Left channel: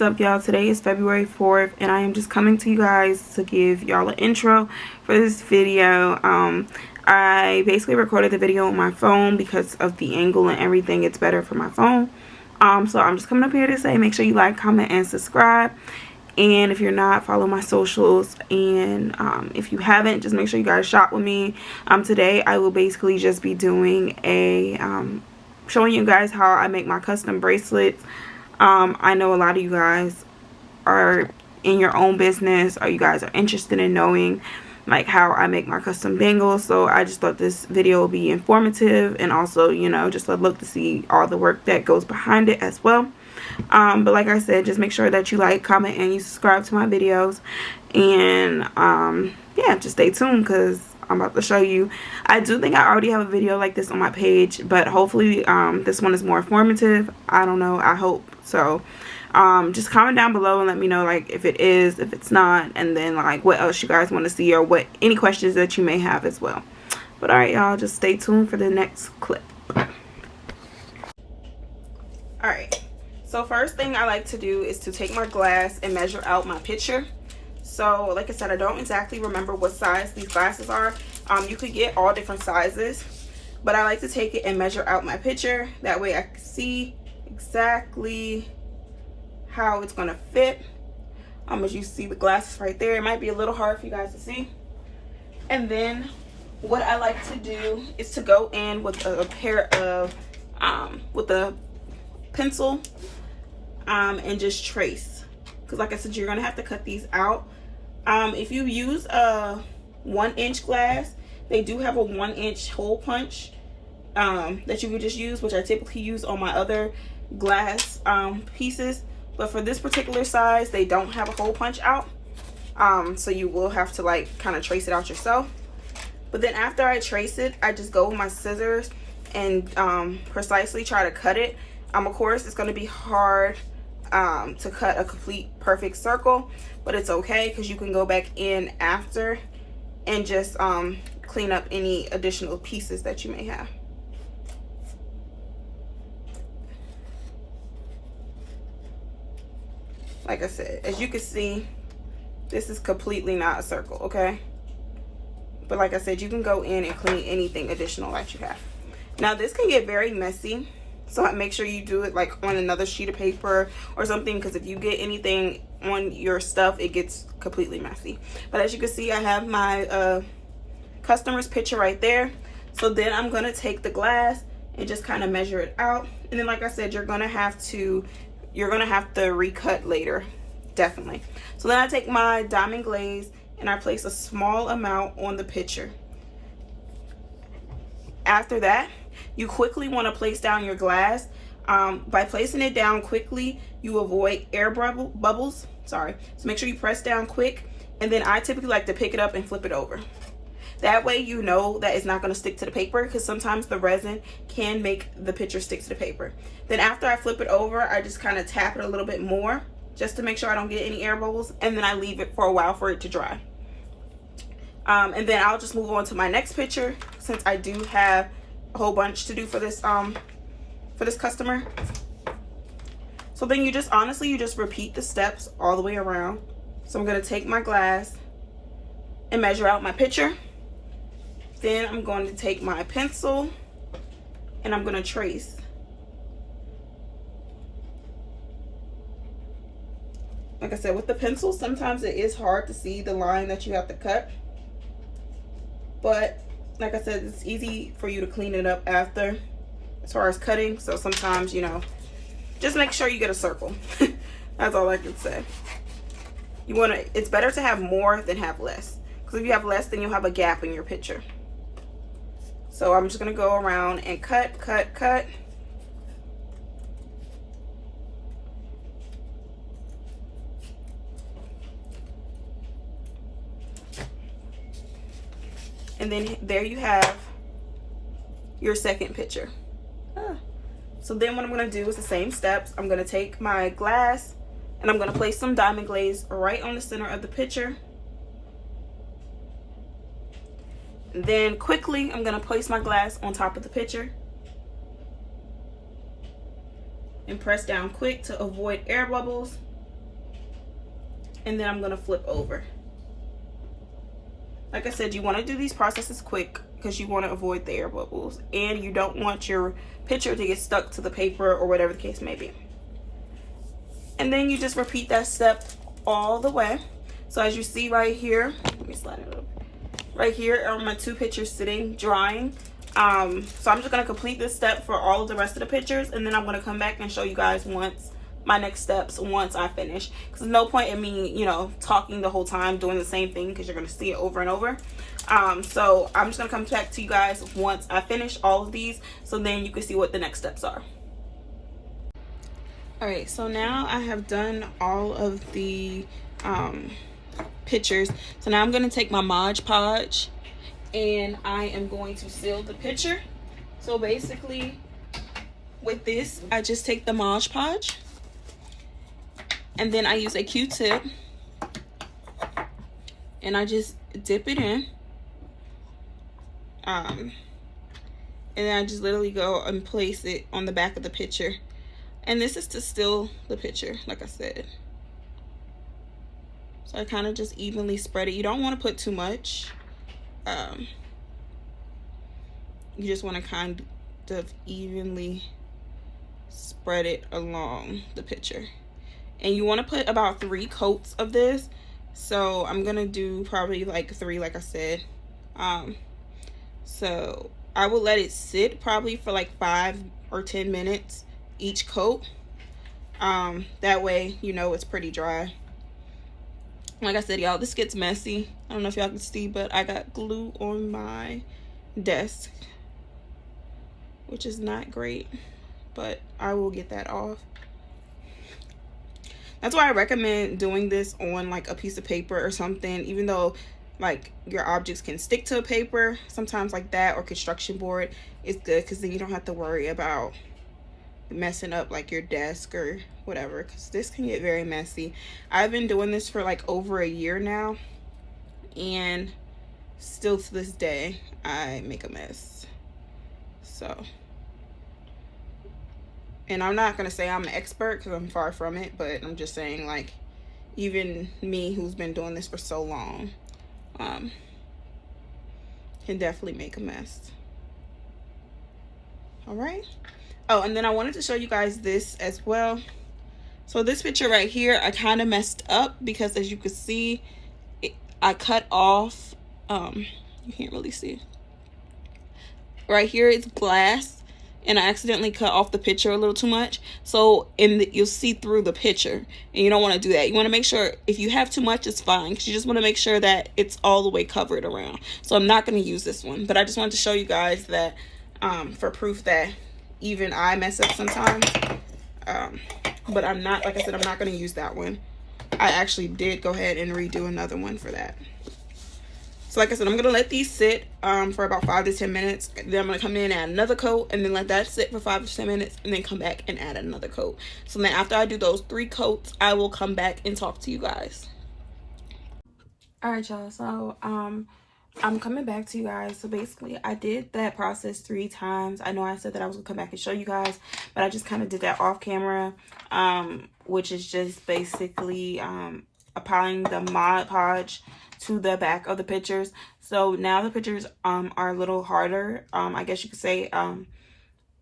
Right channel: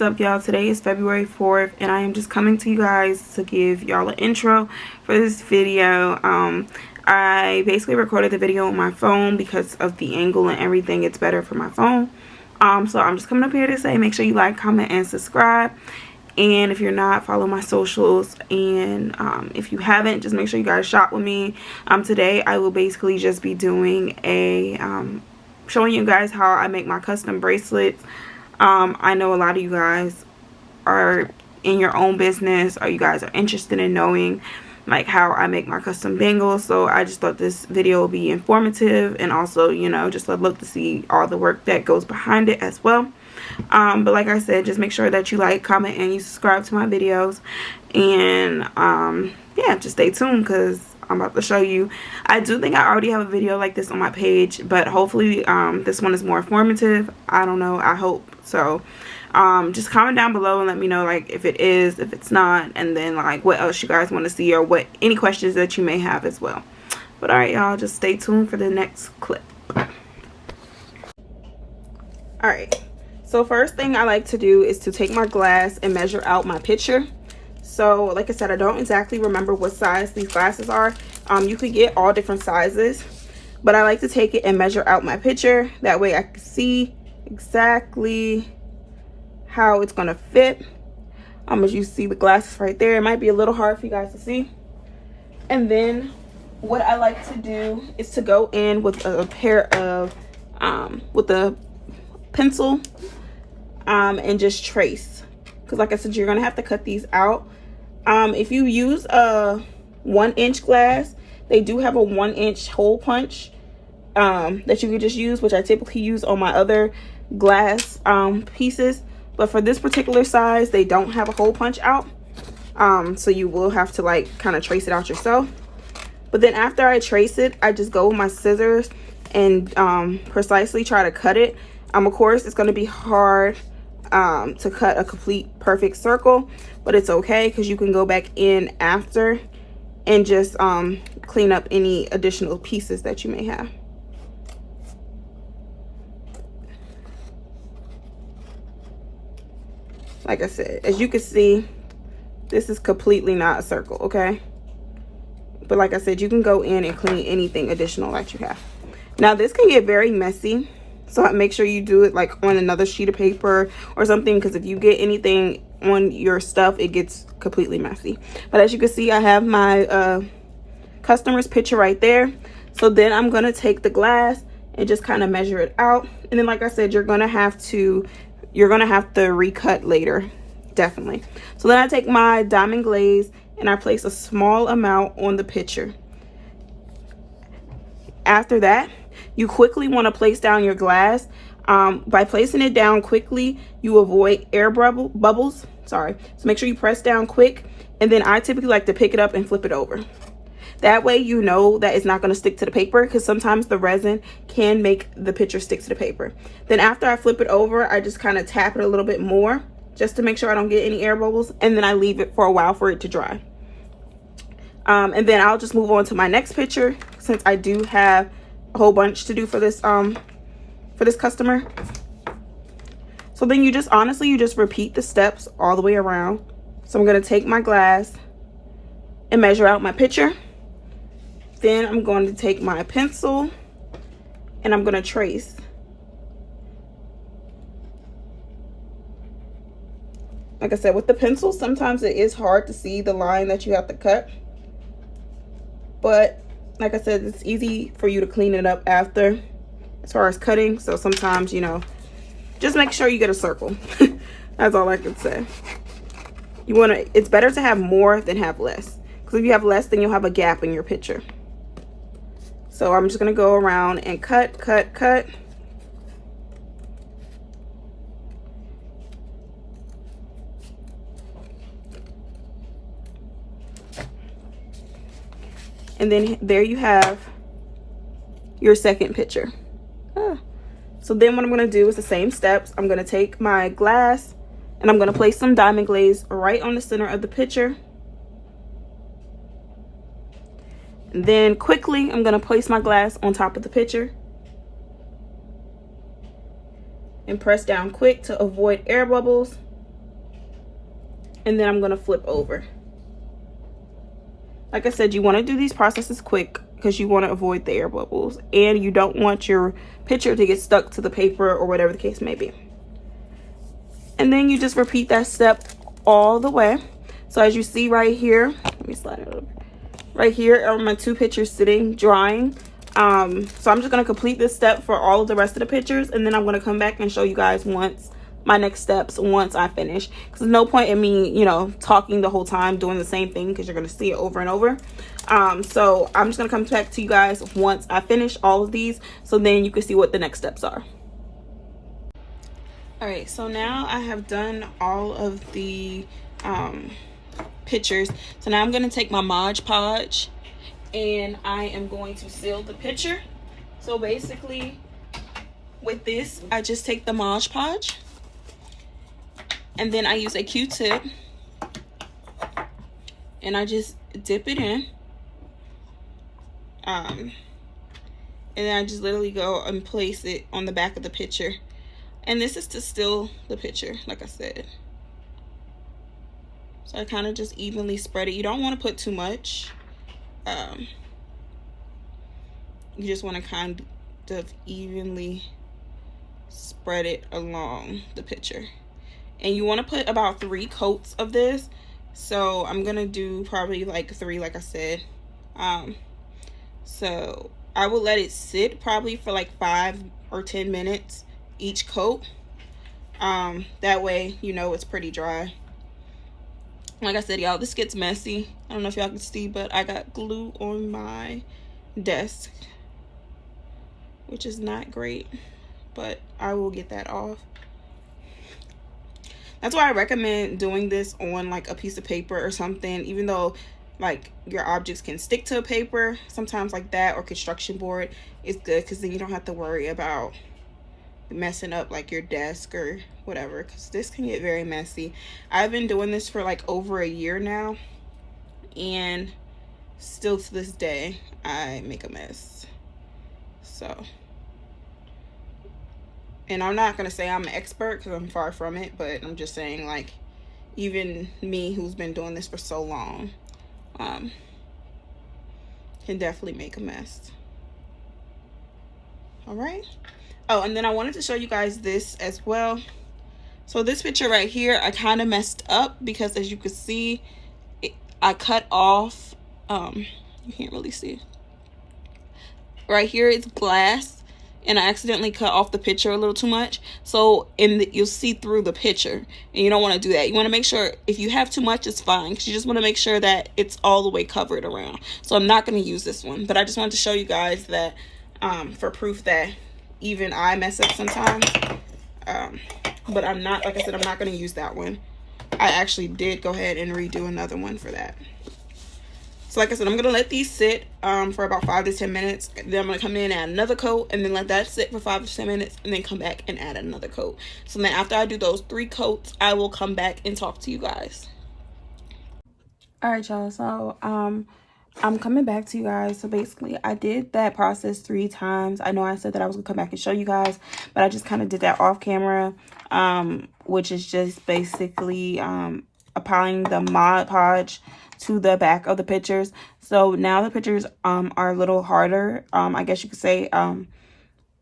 is up, y'all? Today is February 4th and I am just coming to you guys to give y'all an intro for this video. I basically recorded the video on my phone because of the angle and everything. It's better for my phone. So I'm just coming up here to say make sure you like, comment, and subscribe. And if you're not, follow my socials. And if you haven't, just make sure you guys shop with me. Today I will basically just be doing a showing you guys how I make my custom bracelets. I know a lot of you guys are in your own business, or you guys are interested in knowing like how I make my custom bangles. So I just thought this video would be informative, and also, you know, just a look to see all the work that goes behind it as well. But like I said, just make sure that you like, comment, and you subscribe to my videos. And yeah, just stay tuned because I'm about to show you. I do think I already have a video like this on my page, but hopefully this one is more informative. I don't know, I hope so. Just comment down below and let me know like if it is, if it's not, and then like what else you guys want to see, or what any questions that you may have as well. But alright, y'all, just stay tuned for the next clip. Alright, so first thing I like to do is to take my glass and measure out my picture. So like I said, I don't exactly remember what size these glasses are. You could get all different sizes, but I like to take it and measure out my picture. That way I can see exactly how it's gonna fit. As you see the glasses right there, it might be a little hard for you guys to see. And then what I like to do is to go in with a pair of with a pencil and just trace, because like I said, you're gonna have to cut these out. If you use a 1-inch glass, they do have a 1-inch hole punch that you can just use, which I typically use on my other glass pieces. But for this particular size, they don't have a hole punch out. So you will have to like kind of trace it out yourself. But then after I trace it, I just go with my scissors and precisely try to cut it. Of course, it's going to be hard to cut a complete perfect circle, but it's okay because you can go back in after and just clean up any additional pieces that you may have. Like I said, as you can see, this is completely not a circle, okay? But like I said, you can go in and clean anything additional that you have. Now this can get very messy, so make sure you do it like on another sheet of paper or something, because if you get anything on your stuff, it gets completely messy. But as you can see, I have my customer's picture right there. So then I'm gonna take the glass and just kind of measure it out. And then like I said, you're gonna have to recut later, definitely. So then I take my diamond glaze and I place a small amount on the picture. After that, you quickly want to place down your glass. By placing it down quickly, you avoid air bubbles. Sorry. So make sure you press down quick, and then I typically like to pick it up and flip it over. That way you know that it's not going to stick to the paper, because sometimes the resin can make the picture stick to the paper. Then after I flip it over, I just kind of tap it a little bit more just to make sure I don't get any air bubbles, and then I leave it for a while for it to dry. And then I'll just move on to my next picture, since I do have a whole bunch to do for this customer. So then you just honestly repeat the steps all the way around. So I'm going to take my glass and measure out my picture. Then I'm going to take my pencil and I'm going to trace. Like I said, with the pencil, sometimes it is hard to see the line that you have to cut. But like I said, it's easy for you to clean it up after as far as cutting. So sometimes, you know, just make sure you get a circle. That's all I can say. It's better to have more than have less, because if you have less, then you'll have a gap in your picture. So I'm just gonna go around and cut. And then there you have your second picture. So then what I'm gonna do is the same steps. I'm gonna take my glass and I'm gonna place some diamond glaze right on the center of the picture. And then quickly, I'm gonna place my glass on top of the picture and press down quick to avoid air bubbles. and then I'm gonna flip over. Like I said, you want to do these processes quick because you want to avoid the air bubbles, and you don't want your picture to get stuck to the paper or whatever the case may be. And then you just repeat that step all the way. So as you see right here, let me slide it over. Right here are my 2 pictures sitting drying. So I'm just going to complete this step for all of the rest of the pictures, and then I'm going to come back and show you guys my next steps once I finish, because there's no point in me, you know, talking the whole time doing the same thing, because you're going to see it over and over. So I'm just going to come back to you guys once I finish all of these, so then you can see what the next steps are. All right, so now I have done all of the pictures. So now I'm going to take my Mod Podge and I am going to seal the picture. So basically with this, I just take the Mod Podge and then I use a Q-tip and I just dip it in. And then I just literally go and place it on the back of the picture. And this is to seal the picture, like I said. So I kind of just evenly spread it. You don't want to put too much. You just want to kind of evenly spread it along the picture. And you want to put about 3 coats of this. So I'm going to do probably like 3, like I said. So I will let it sit probably for like 5 or 10 minutes each coat. That way, you know, it's pretty dry. Like I said, y'all, this gets messy. I don't know if y'all can see, but I got glue on my desk, which is not great, but I will get that off. That's why I recommend doing this on like a piece of paper or something, even though like your objects can stick to a paper. Sometimes like that or construction board is good, because then you don't have to worry about messing up like your desk or whatever, because this can get very messy. I've been doing this for like over a year now, and still to this day I make a mess. So, and I'm not gonna say I'm an expert, because I'm far from it, but I'm just saying, like, even me who's been doing this for so long can definitely make a mess. All right. Oh, and then I wanted to show you guys this as well. So this picture right here, I kind of messed up because, as you can see, I cut off, you can't really see. Right here it's glass, and I accidentally cut off the picture a little too much. So you'll see through the picture, and you don't want to do that. You want to make sure, if you have too much, it's fine, because you just want to make sure that it's all the way covered around. So I'm not going to use this one, but I just wanted to show you guys that for proof that even I mess up sometimes. But I'm not, like I said, I'm not going to use that one. I actually did go ahead and redo another one for that. So like I said, I'm going to let these sit for about 5 to 10 minutes. Then I'm going to come in and add another coat, and then let that sit for 5 to 10 minutes, and then come back and add another coat. So then after I do those 3 coats, I will come back and talk to you guys. All right, y'all. So I'm coming back to you guys. So basically, I did that process 3 times. I know I said that I was gonna come back and show you guys, but I just kind of did that off camera, which is just basically applying the Mod Podge to the back of the pictures. So now the pictures are a little harder, I guess you could say,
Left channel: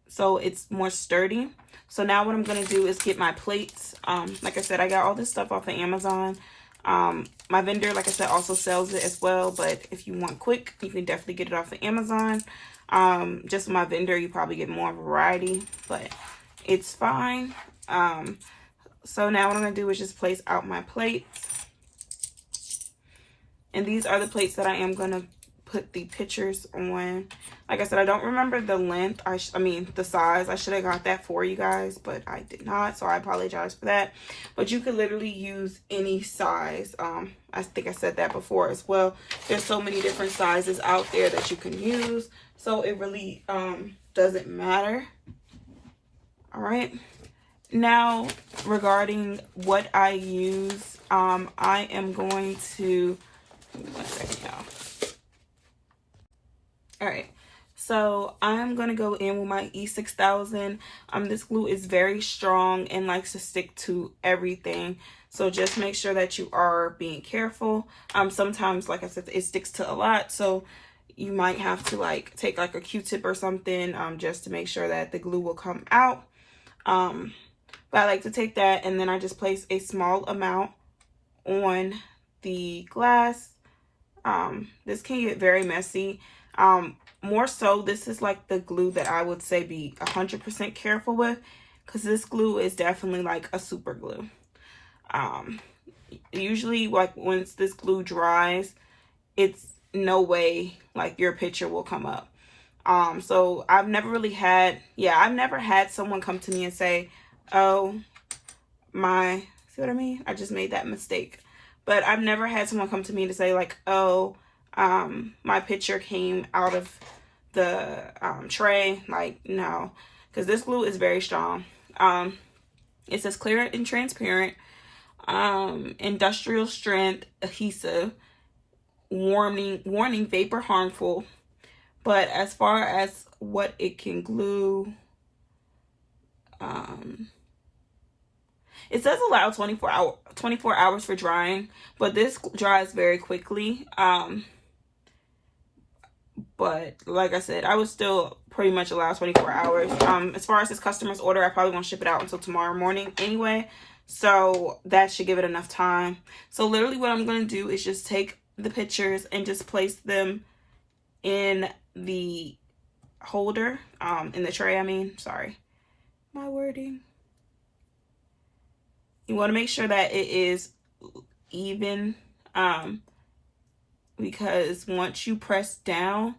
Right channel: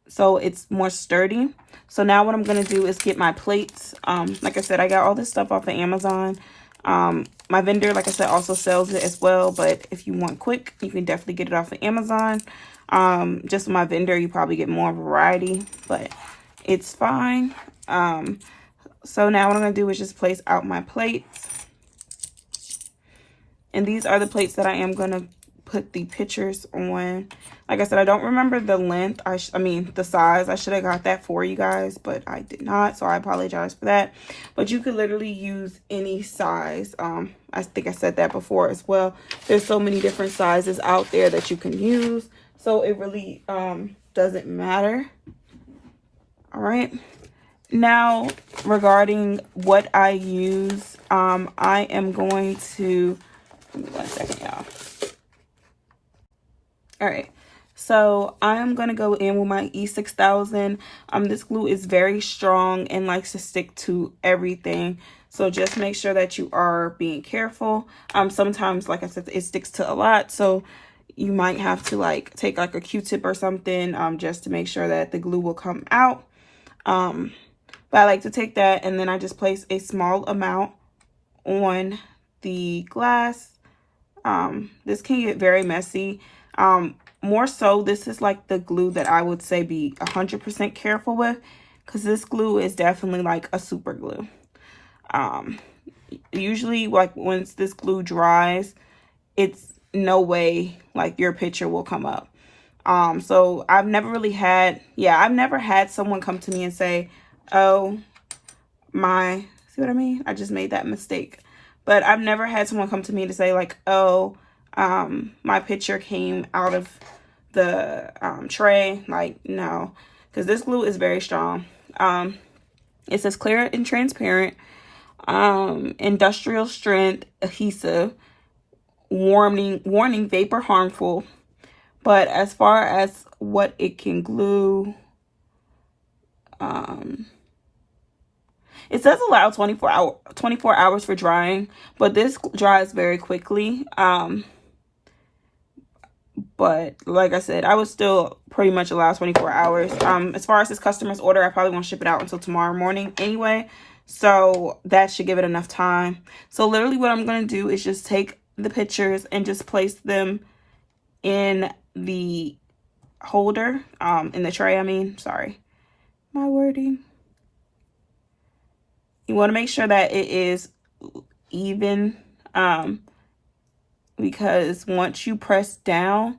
so it's more sturdy. So now what I'm gonna do is get my plates. Like I said, I got all this stuff off of Amazon. My vendor, like I said, also sells it as well, but if you want quick, you can definitely get it off of Amazon. Just my vendor, you probably get more variety, but it's fine. So now what I'm gonna do is just place out my plates, and these are the plates that I am gonna put the pictures on. Like I said, I don't remember the length, I mean the size. I should have got that for you guys, but I did not, so I apologize for that. But you could literally use any size. I think I said that before as well. There's so many different sizes out there that you can use, so it really doesn't matter. All right, now regarding what I use, I am going to, give me 1 second, y'all. All right, So I'm going to go in with my E6000. This glue is very strong and likes to stick to everything. So just make sure that you are being careful. Sometimes, like I said, it sticks to a lot. So you might have to like take like a Q-tip or something just to make sure that the glue will come out. But I like to take that and then I just place a small amount on the glass. This can get very messy. More so, this is like the glue that I would say be 100% careful with, because this glue is definitely like a super glue. Usually like once this glue dries, it's no way like your picture will come up. So I've never really had, I've never had someone come to me and say, oh, see what I mean? I just made that mistake. But I've never had someone come to me to say like, oh, my picture came out of the tray. Like, no, because this glue is very strong. It says clear and transparent, industrial strength adhesive, warning vapor harmful. But as far as what it can glue, it says allow 24 hours for drying, but this dries very quickly. But like I said, I would still pretty much allow 24 hours. As far as this customer's order, I probably won't ship it out until tomorrow morning anyway. So that should give it enough time. So literally what I'm going to do is just take the pictures and just place them in the holder, in the tray, I mean, sorry, my wording. You want to make sure that it is even, because once you press down,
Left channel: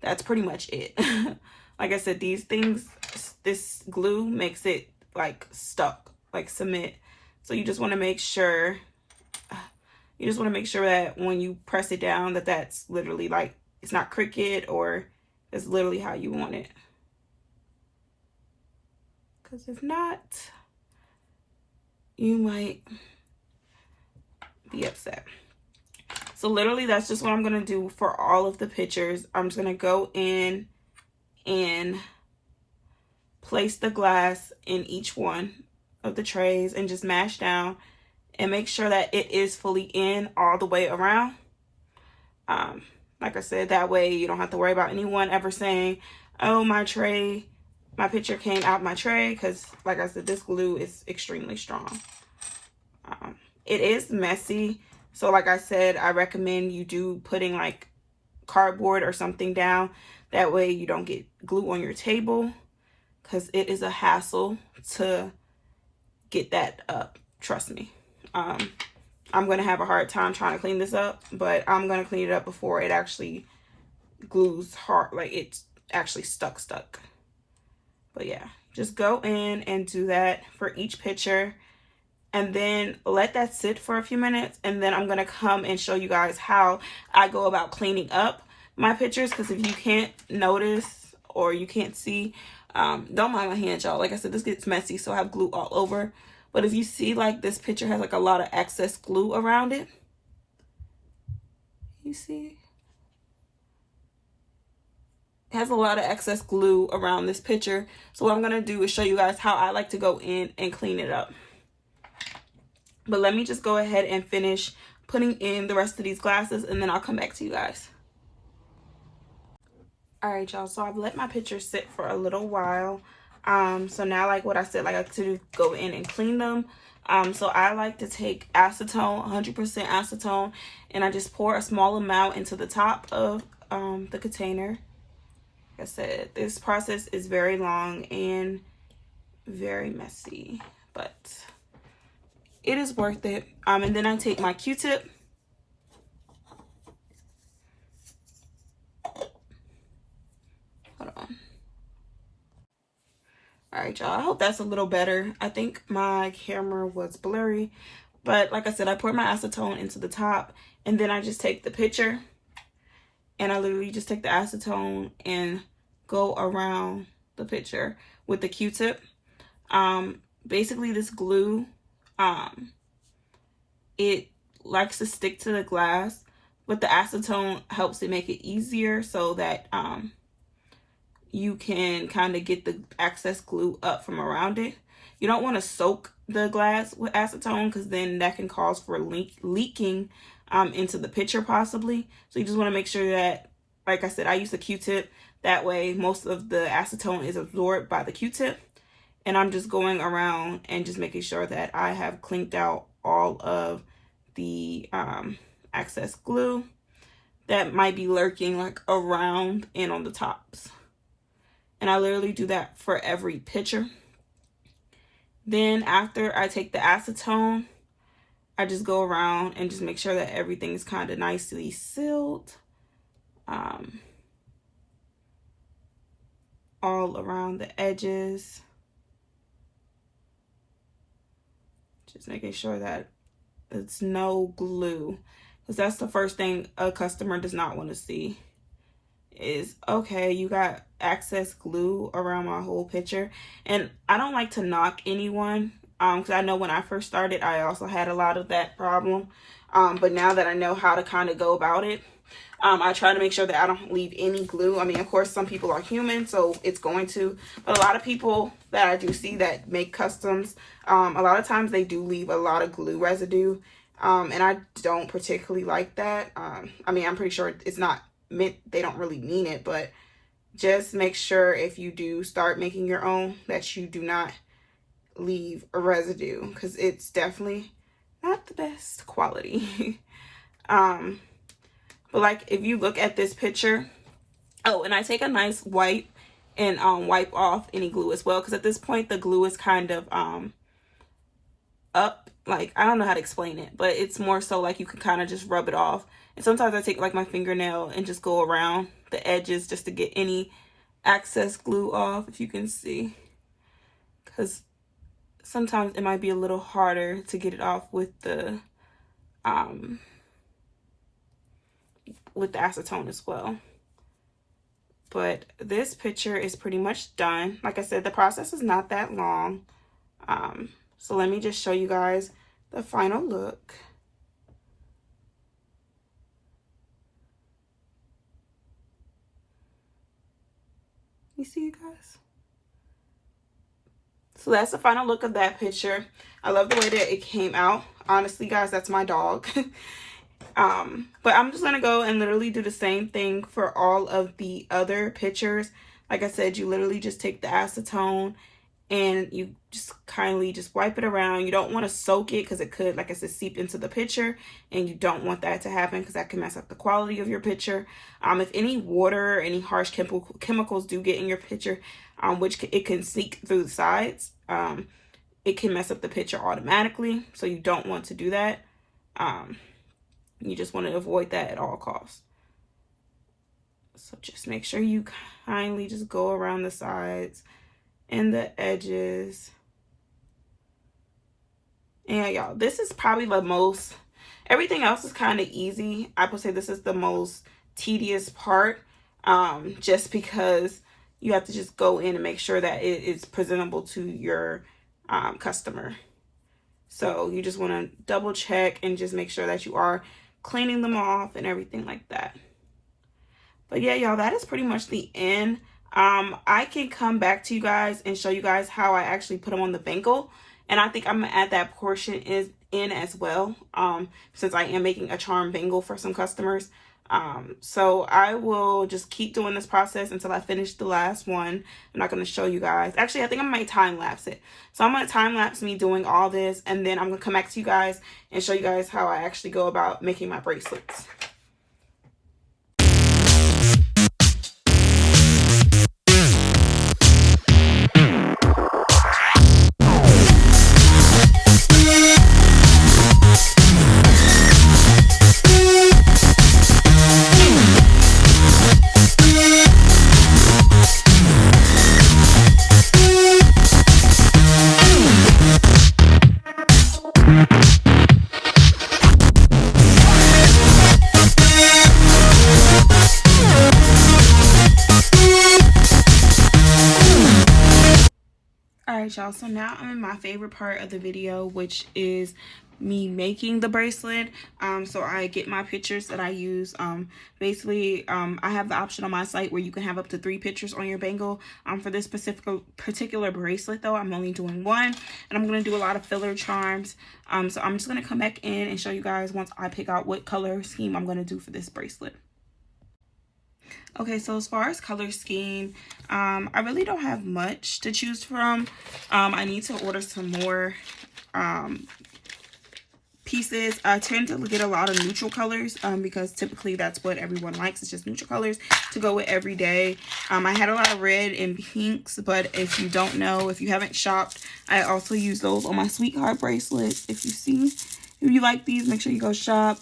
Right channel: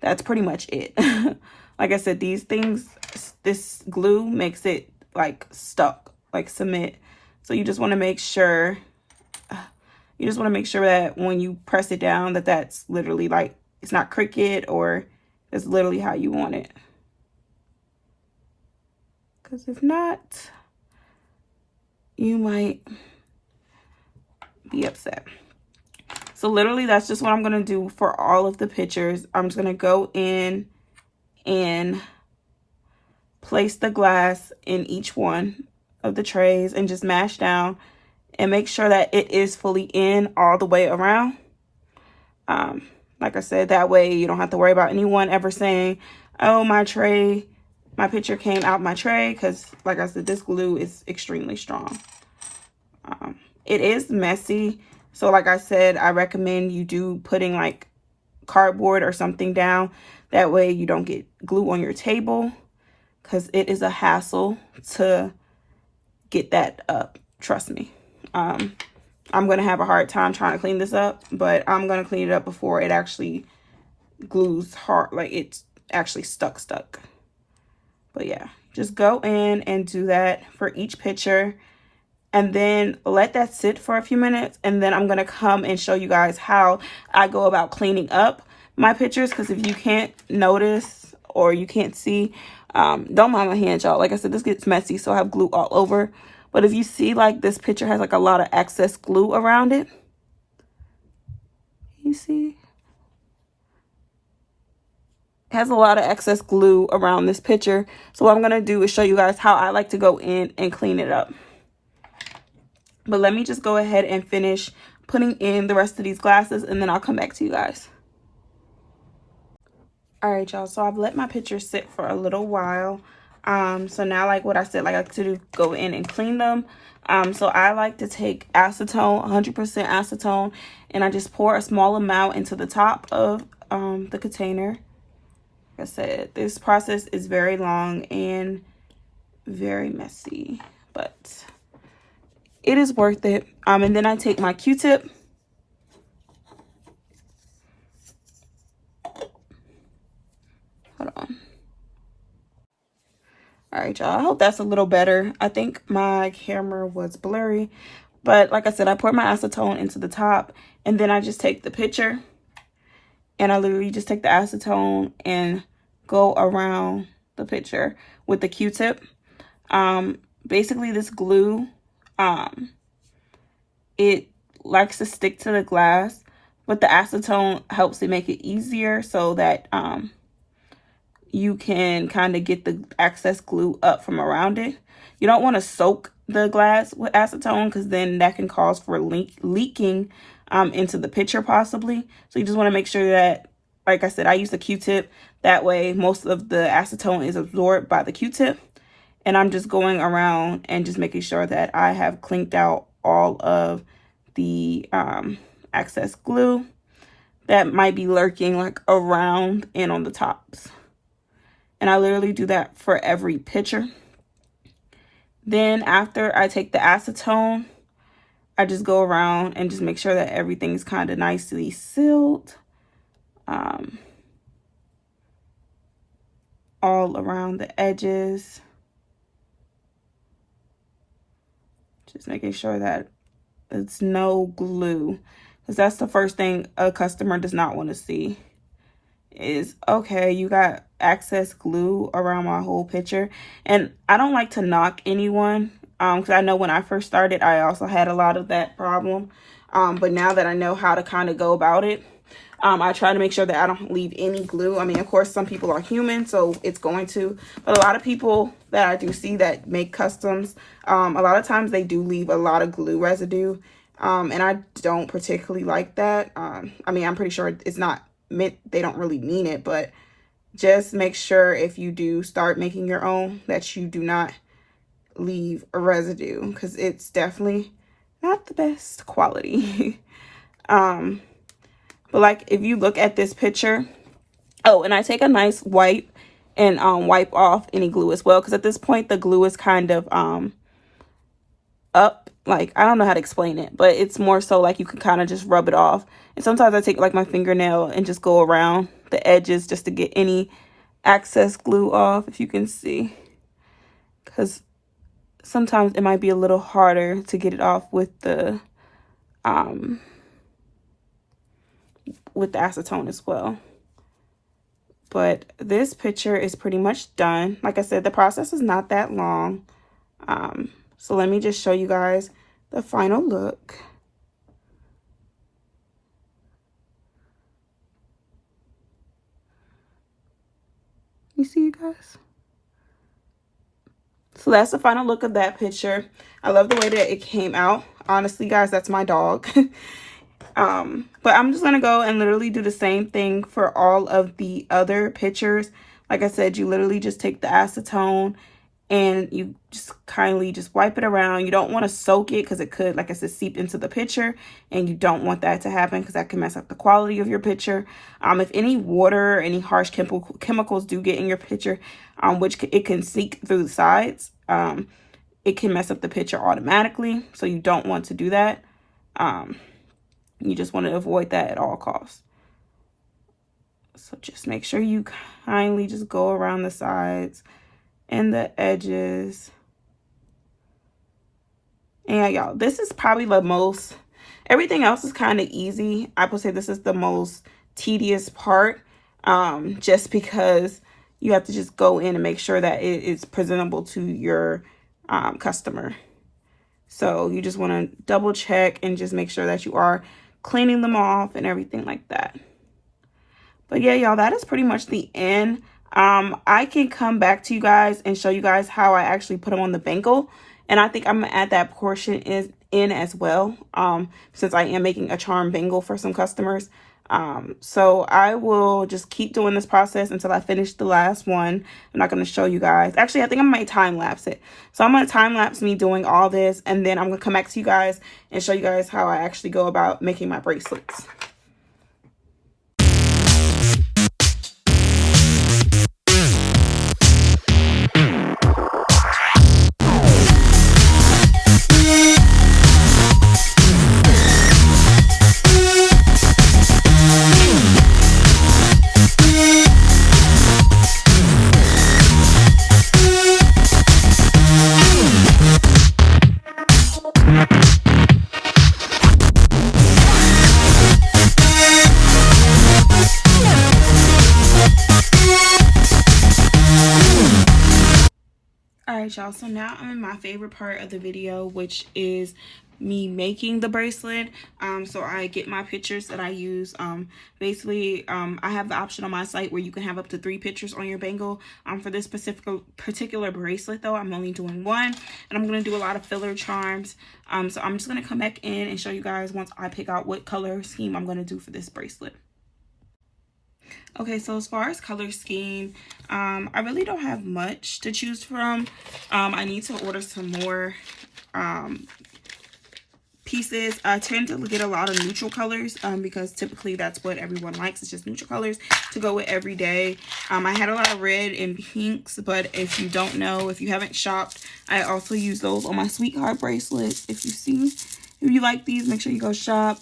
that's pretty much it. Like I said, these things, this glue makes it like stuck, like cement. So you just want to make sure, that when you press it down, that that's literally like, it's not crooked, or it's literally how you want it. Because if not, you might be upset. So literally that's just what I'm going to do for all of the pictures. I'm just going to go in and place the glass in each one of the trays and just mash down and make sure that it is fully in all the way around. Like I said, that way you don't have to worry about anyone ever saying, oh, my picture came out my tray, because like I said, this glue is extremely strong. It is messy. So like I said, I recommend you do putting like cardboard or something down. That way you don't get glue on your table, because it is a hassle to get that up. Trust me. I'm going to have a hard time trying to clean this up, but I'm going to clean it up before it actually glues hard, like it's actually stuck. But yeah, just go in and do that for each picture. And then let that sit for a few minutes, and then I'm going to come and show you guys how I go about cleaning up my pictures. Because if you can't notice or you can't see, don't mind my hands, y'all. Like I said, this gets messy, so I have glue all over. But if you see, like, this picture has like a lot of excess glue around it, you see, it has a lot of excess glue around this picture. So what I'm going to do is show you guys how I like to go in and clean it up. But let me just go ahead and finish putting in the rest of these glasses, and then I'll come back to you guys. All right, y'all. So I've let my pictures sit for a little while. So now, like what I said, like I like to do, go in and clean them. So I like to take acetone, 100% acetone, and I just pour a small amount into the top of the container. Like I said, this process is very long and very messy, but it is worth it. And then I take my Q-tip. Hold on. All right, y'all. I hope that's a little better. I think my camera was blurry, but like I said, I pour my acetone into the top, and then I just take the picture, and I literally just take the acetone and go around the picture with the Q-tip. Basically, this glue, it likes to stick to the glass, but the acetone helps to make it easier so that you can kind of get the excess glue up from around it. You don't want to soak the glass with acetone because then that can cause for leaking into the picture possibly. So you just want to make sure that, like I said, I use a Q-tip. That way most of the acetone is absorbed by the Q-tip. And I'm just going around and just making sure that I have cleaned out all of the excess glue that might be lurking like around and on the tops. And I literally do that for every picture. Then after I take the acetone, I just go around and just make sure that everything's kind of nicely sealed. All around the edges. Just making sure that it's no glue. Because that's the first thing a customer does not want to see. Is, okay, you got excess glue around my whole picture. And I don't like to knock anyone, because I know when I first started I also had a lot of that problem, but now that I know how to kind of go about it, I try to make sure that I don't leave any glue. I mean, of course some people are human, so it's going to, but a lot of people that I do see that make customs, a lot of times they do leave a lot of glue residue, and I don't particularly like that. I mean, I'm pretty sure it's not meant, they don't really mean it, but just make sure if you do start making your own that you do not leave a residue, because it's definitely not the best quality. But like if you look at this picture, oh, and I take a nice wipe and wipe off any glue as well, because at this point the glue is kind of up, like I don't know how to explain it, but it's more so like you can kind of just rub it off. And sometimes I take like my fingernail and just go around the edges just to get any excess glue off, if you can see, because sometimes it might be a little harder to get it off with the acetone as well. But this picture is pretty much done. Like I said, the process is not that long. So let me just show you guys the final look. You see, you guys? So that's the final look of that picture. I love the way that it came out. Honestly, guys, that's my dog. But I'm just gonna go and literally do the same thing for all of the other pictures. Like I said, you literally just take the acetone and you just kindly just wipe it around. You don't want to soak it because it could, like I said, seep into the picture, and you don't want that to happen because that can mess up the quality of your picture. If any water or any harsh chemicals do get in your picture, which it can seep through the sides, it can mess up the picture automatically. So you don't want to do that. You just want to avoid that at all costs. So just make sure you kindly just go around the sides and the edges. And y'all, this is probably the most, everything else is kind of easy. I would say this is the most tedious part, just because you have to just go in and make sure that it is presentable to your customer. So you just want to double check and just make sure that you are cleaning them off and everything like that. But yeah, y'all, that is pretty much the end. I can come back to you guys and show you guys how I actually put them on the bangle, and I think I'm gonna add that portion in as well, since I am making a charm bangle for some customers. So I will just keep doing this process until I finish the last one. I'm not going to show you guys. Actually, I think I might time lapse it. So I'm going to time lapse me doing all this, and then I'm going to come back to you guys and show you guys how I actually go about making my bracelets. Alright, y'all, so now I'm in my favorite part of the video, which is me making the bracelet. So I get my pictures that I use. Basically, I have the option on my site where you can have up to 3 pictures on your bangle. For this particular bracelet though, I'm only doing 1, and I'm going to do a lot of filler charms. So I'm just going to come back in and show you guys once I pick out what color scheme I'm going to do for this bracelet. Okay, so as far as color scheme, I really don't have much to choose from. I need to order some more pieces. I tend to get a lot of neutral colors because typically that's what everyone likes. It's just neutral colors to go with every day. I had a lot of red and pinks, but if you don't know, if you haven't shopped, I also use those on my sweetheart bracelet. If you like these, make sure you go shop.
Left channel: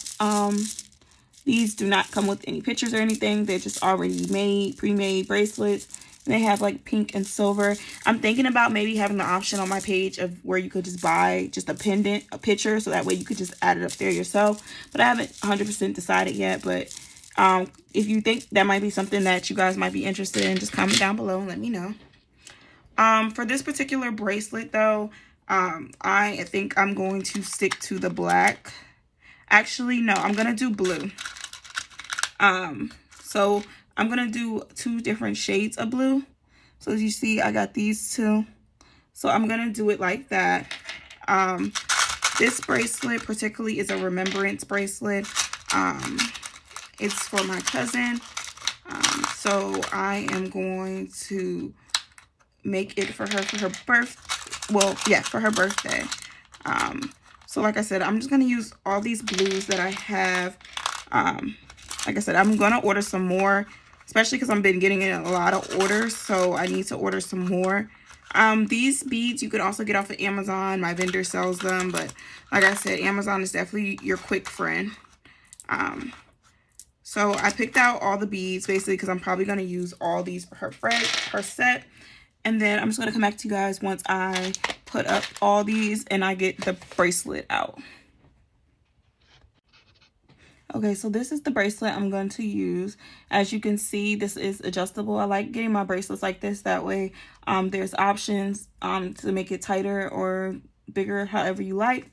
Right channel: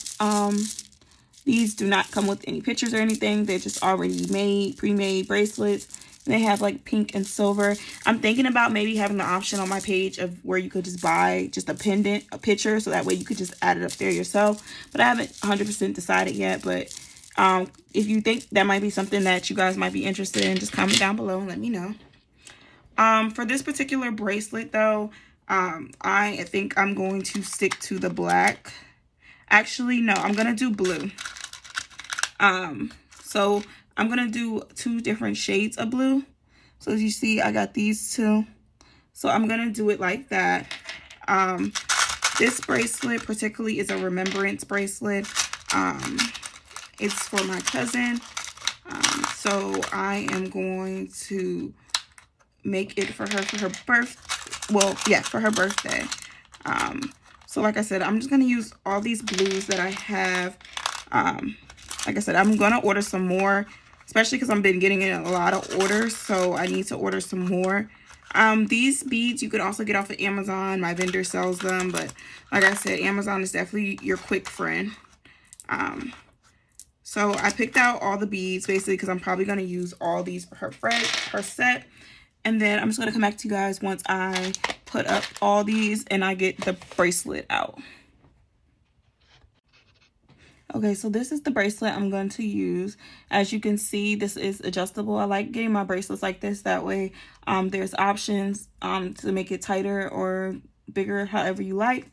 These do not come with any pictures or anything. They're just already made, pre-made bracelets. And they have like pink and silver. I'm thinking about maybe having the option on my page of where you could just buy just a pendant, a picture, so that way you could just add it up there yourself. But I haven't 100% decided yet. But if you think that might be something that you guys might be interested in, just comment down below and let me know. For this particular bracelet though, I think I'm going to stick to the black. Actually, no, I'm going to do blue. So I'm going to do 2 different shades of blue. So as you see, I got these 2. So I'm going to do it like that. This bracelet particularly is a remembrance bracelet. It's for my cousin. So I am going to make it for her for her birthday. So like I said, I'm just going to use all these blues that I have. Like I said, I'm going to order some more, especially because I've been getting in a lot of orders. So I need to order some more. These beads you could also get off of Amazon. My vendor sells them. But like I said, Amazon is definitely your quick friend. So I picked out all the beads basically because I'm probably going to use all these for her set. And then I'm just going to come back to you guys once I put up all these and I get the bracelet out. Okay, so this is the bracelet I'm going to use. As you can see, this is adjustable. I like getting my bracelets like this. That way, there's options to make it tighter or bigger, however you like.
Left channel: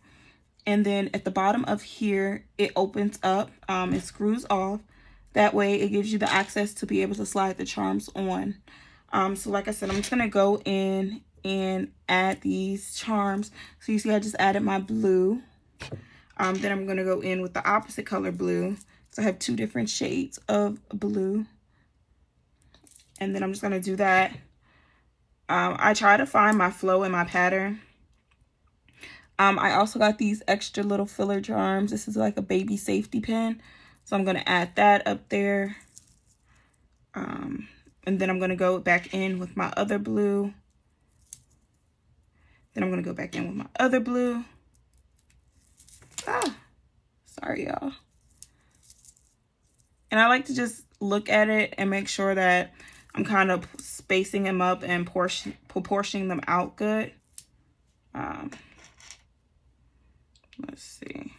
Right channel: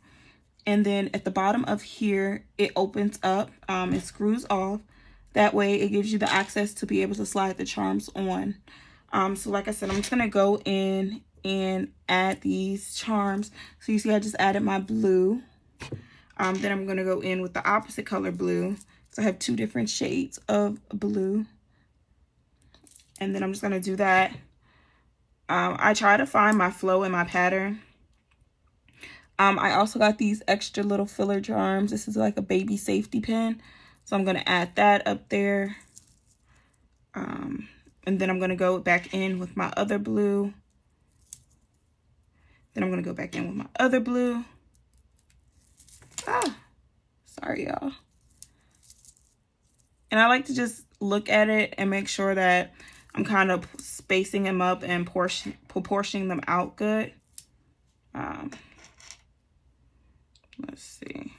And then at the bottom of here, it opens up. It screws off. That way, it gives you the access to be able to slide the charms on. So like I said, I'm just going to go in and add these charms. So you see, I just added my blue. Then I'm going to go in with the opposite color blue. So I have 2 different shades of blue. And then I'm just going to do that. I try to find my flow and my pattern. I also got these extra little filler charms. This is like a baby safety pin. So I'm going to add that up there. And then I'm going to go back in with my other blue. Then I'm going to go back in with my other blue. Sorry, y'all. And I like to just look at it and make sure that I'm kind of spacing them up and proportioning them out good. Let's see.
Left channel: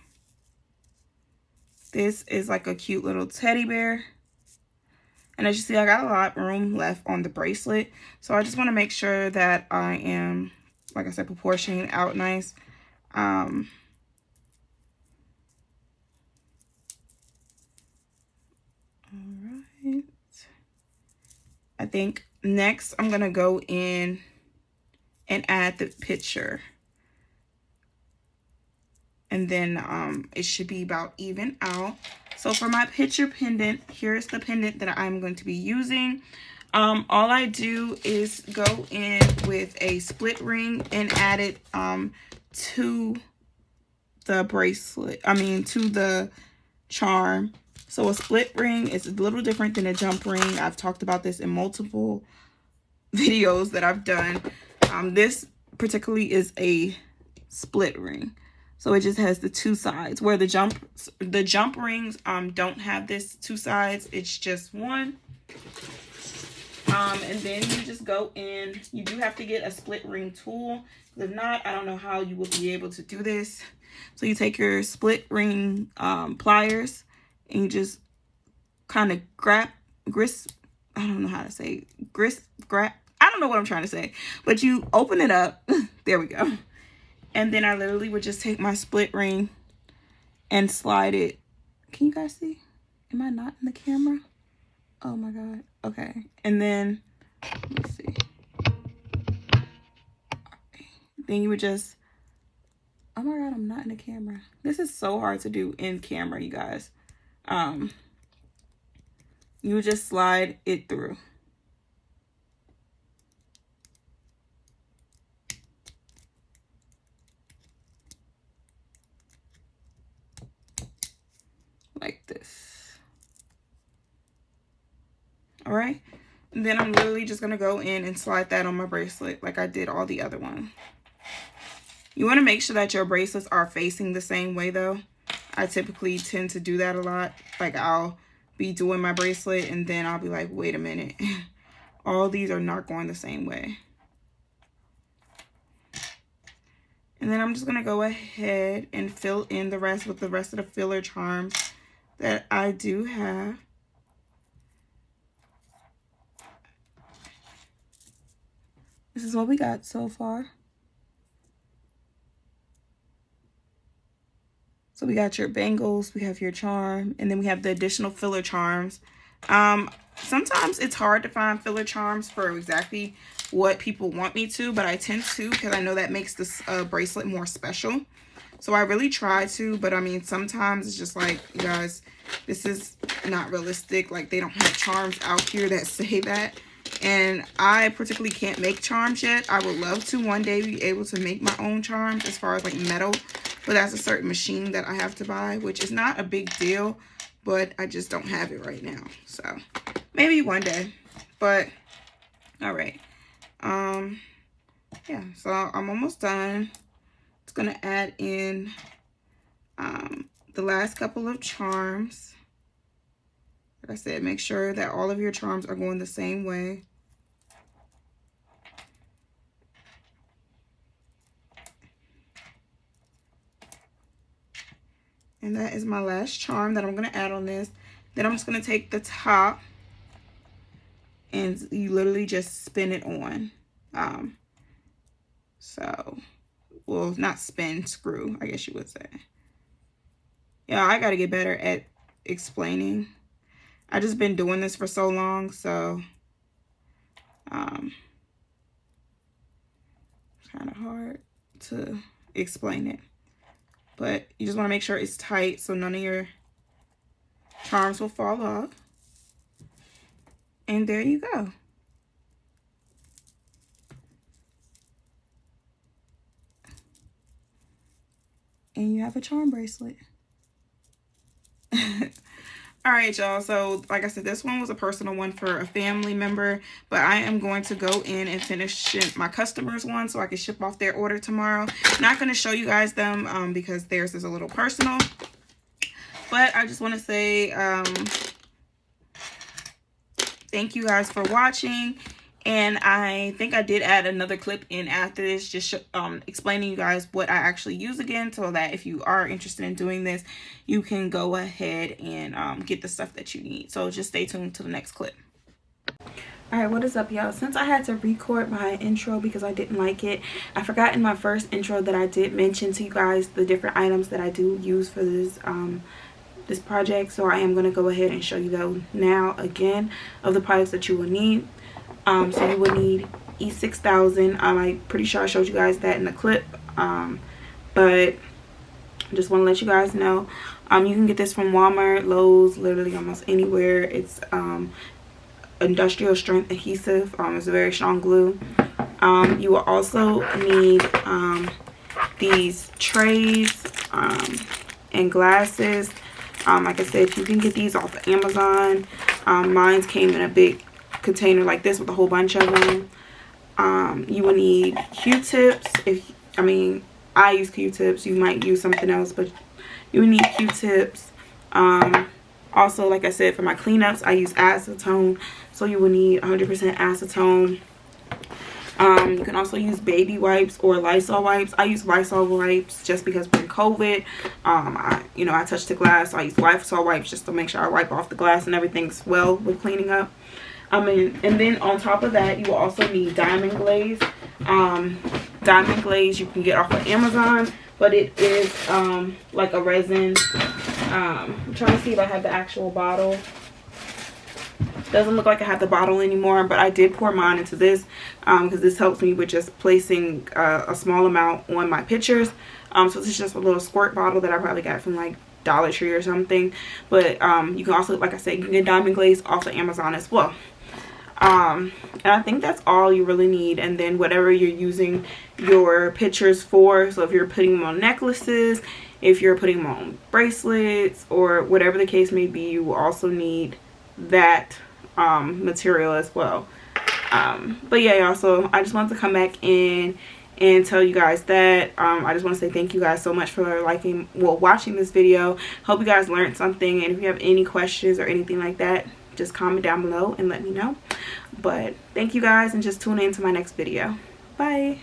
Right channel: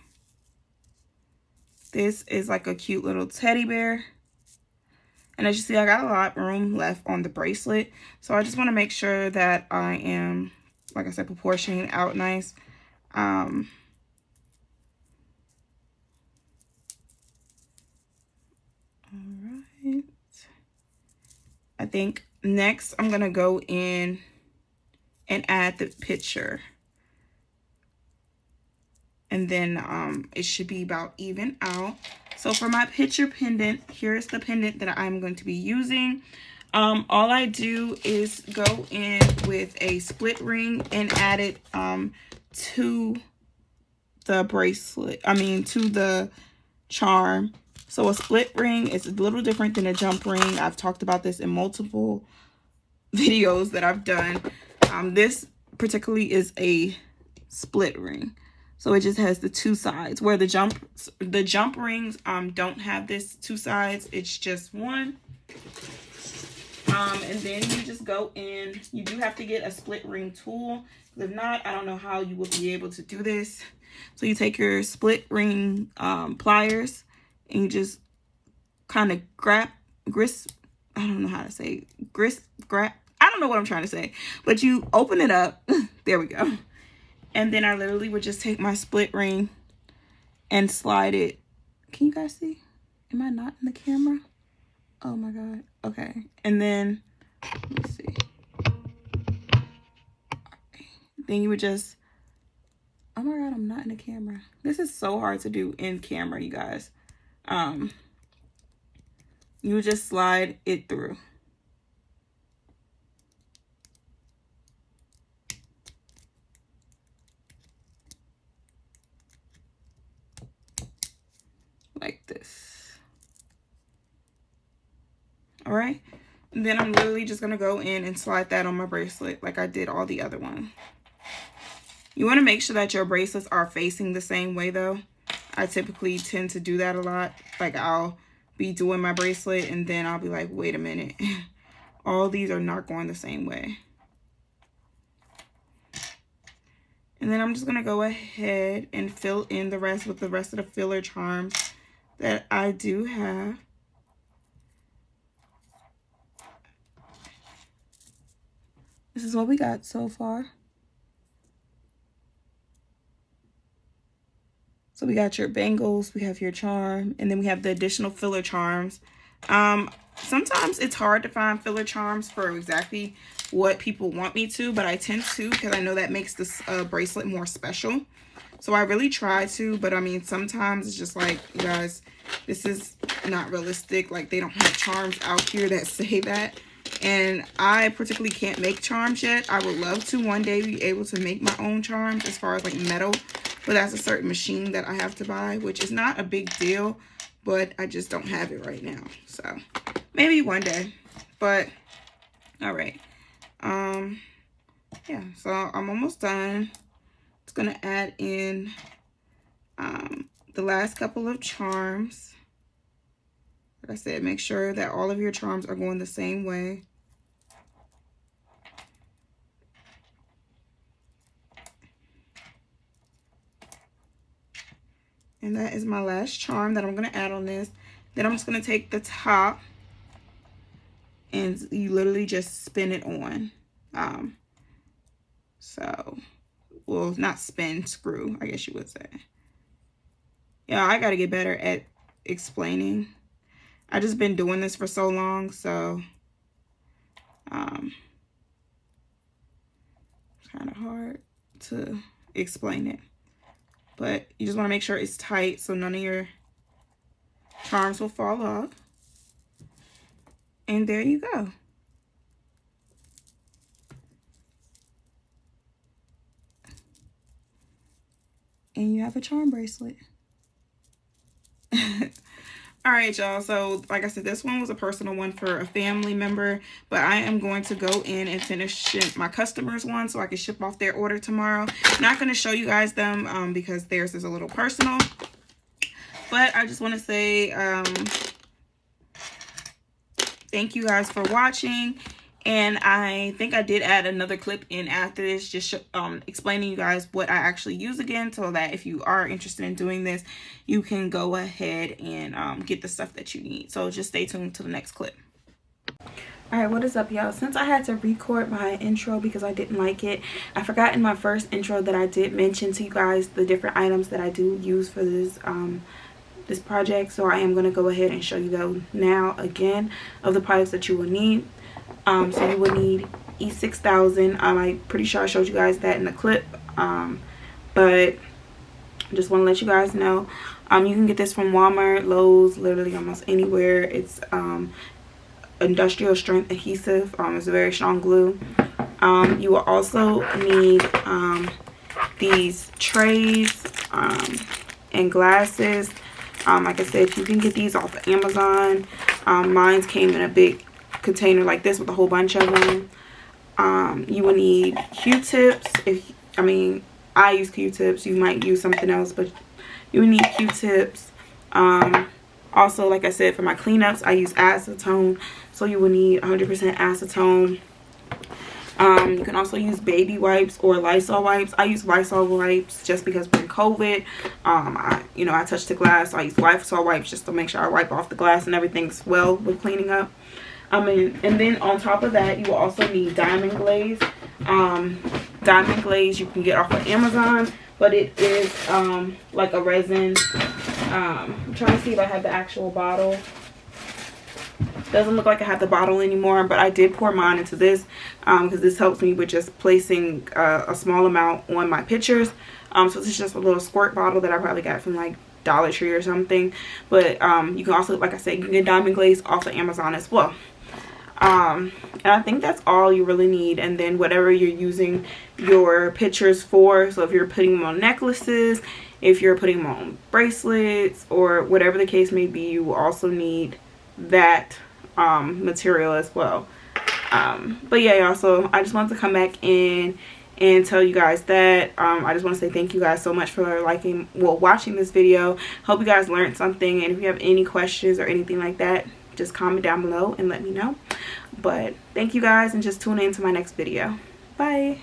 This is like a cute little teddy bear. And as you see, I got a lot of room left on the bracelet. So I just want to make sure that I am, like I said, proportioning out nice. Alright. I think next I'm going to go in and add the picture. And then it should be about even out. So for my picture pendant, here's the pendant that I'm going to be using. All I do is go in with a split ring and add it to the bracelet. To the charm. So a split ring is a little different than a jump ring. I've talked about this in multiple videos that I've done. This particularly is a split ring. So it just has the 2 sides, where the jump rings don't have this 2 sides. It's just one. And then you just go in. You do have to get a split ring tool. If not, I don't know how you will be able to do this. So you take your split ring pliers and you just kind of grab. I don't know what I'm trying to say. But you open it up. There we go. And then I literally would just take my split ring and slide it. Can you guys see? Am I not in the camera? Oh my God. Okay. And then, let's see. Then you would just, oh my God, I'm not in the camera. This is so hard to do in camera, you guys. You would just slide it through. Like this. All right. And then I'm literally just going to go in and slide that on my bracelet like I did all the other ones. You want to make sure that your bracelets are facing the same way though. I typically tend to do that a lot. Like I'll be doing my bracelet and then I'll be like, wait a minute. All these are not going the same way. And then I'm just going to go ahead and fill in the rest with the rest of the filler charms that I do have. This is what we got so far. So we got your bangles, we have your charm, and then we have the additional filler charms. Sometimes it's hard to find filler charms for exactly what people want me to, but I tend to because I know that makes this bracelet more special. So I really try to, but I mean, sometimes it's just like, you guys, this is not realistic. Like they don't have charms out here that say that. And I particularly can't make charms yet. I would love to one day be able to make my own charms as far as like metal. But that's a certain machine that I have to buy, which is not a big deal. But I just don't have it right now. So maybe one day. But all right. Yeah, so I'm almost done. It's going to add in the last couple of charms. Like I said, make sure that all of your charms are going the same way. And that is my last charm that I'm going to add on this. Then I'm just going to take the top and you literally just spin it on. So, well, not spin, screw, I guess you would say. Yeah, I got to get better at explaining. I just been doing this for so long, so it's kind of hard to explain it. But you just want to make sure it's tight so none of your charms will fall off. And there you go. And you have a charm bracelet. All right, y'all. So like I said, this one was a personal one for a family member, but I am going to go in and finish my customers one so I can ship off their order tomorrow. Not going to show you guys them because theirs is a little personal, but I just want to say thank you guys for watching. And I think I did add another clip in after this, just explaining you guys what I actually use again, so that if you are interested in doing this, you can go ahead and get the stuff that you need. So just stay tuned to the next clip. All right, what is up, y'all? Since I had to record my intro because I didn't like it, I forgot in my first intro that I did mention to you guys the different items that I do use for this this project. So I am going to go ahead and show you those now again of the products that you will need. So you would need E6000. I'm pretty sure I showed you guys that in the clip, but I just want to let you guys know you can get this from Walmart, Lowe's, literally almost anywhere. It's industrial strength adhesive. It's a very strong glue. You will also need these trays and glasses. Like I said, you can get these off of Amazon. Mine came in a big container like this with a whole bunch of them. You will need Q-tips. I use Q-tips. You might use something else, but you will need Q-tips. Also, like I said, for my cleanups, I use acetone, so you will need 100% acetone. You can also use baby wipes or Lysol wipes. I use Lysol wipes just because when COVID, I touched the glass, so I use Lysol wipes just to make sure I wipe off the glass and everything's well with cleaning up. And then on top of that, you will also need diamond glaze. diamond glaze you can get off of Amazon, but it is like a resin. I'm trying to see if I have the actual bottle. Doesn't look like I have the bottle anymore, but I did pour mine into this because this helps me with just placing a small amount on my pictures. So this is just a little squirt bottle that I probably got from like Dollar Tree or something. But you can also, like I said, you can get diamond glaze off of Amazon as well. And I think that's all you really need. And then whatever you're using your pictures for, so if you're putting them on necklaces, if you're putting them on bracelets, or whatever the case may be, you will also need that material as well. But yeah, y'all, so I just wanted to come back in and tell you guys that I just want to say thank you guys so much for watching this video. Hope you guys learned something, and if you have any questions or anything like that, just comment down below and let me know. But thank you guys, and just tune in to my next video. Bye.